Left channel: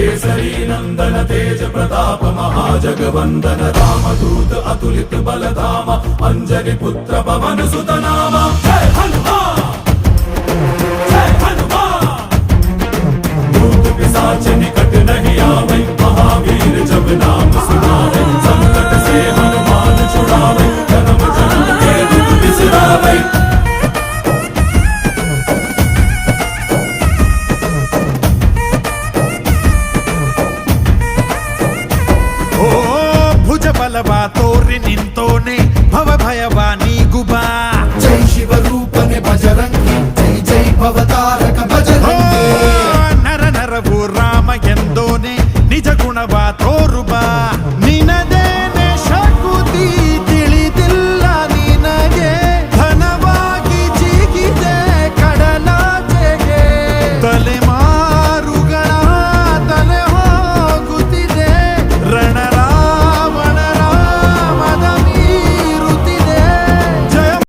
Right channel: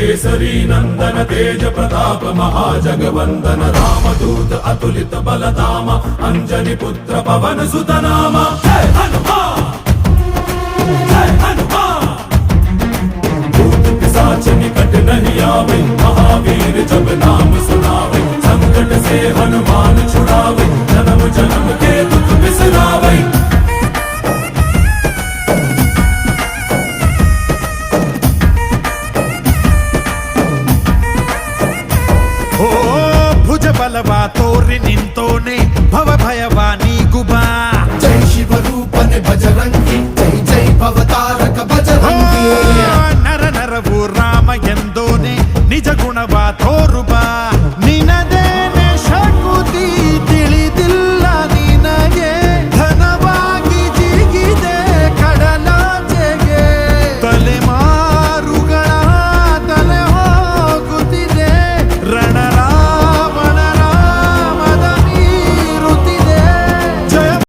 केसरी नंदन तेज प्रताप महाजगवंदन रामदूत अतुलित बलधाम अंजनी पुत्र पवन सुत नाम जय हनुमान जय हनुमान। भूत पिशाच निकट नहीं आवे महावीर जब नाम सुनावे संकट से हनुमान छुड़ावे जन्म जन्म के दुख बिसरावे। ಓ ಭುಜ ಬಲವ ತೋರಿ ನಿಂತೋನೆ ಭವ ಭಯವ ನೀಗುಬಾ ಜೈ ಶಿವ ರೂಪನೆ ಬಜರಂಗಿ ಜೈ ಜೈ ಭವತಾರಕ ಬಜರಂಗಿ ನರ ನರವು ರಾಮ ಎಂದೋನೆ ನಿಜ ಗುಣವ ತೋರುಬಾ ನಿನದೇನೆ ಶಕುನಿ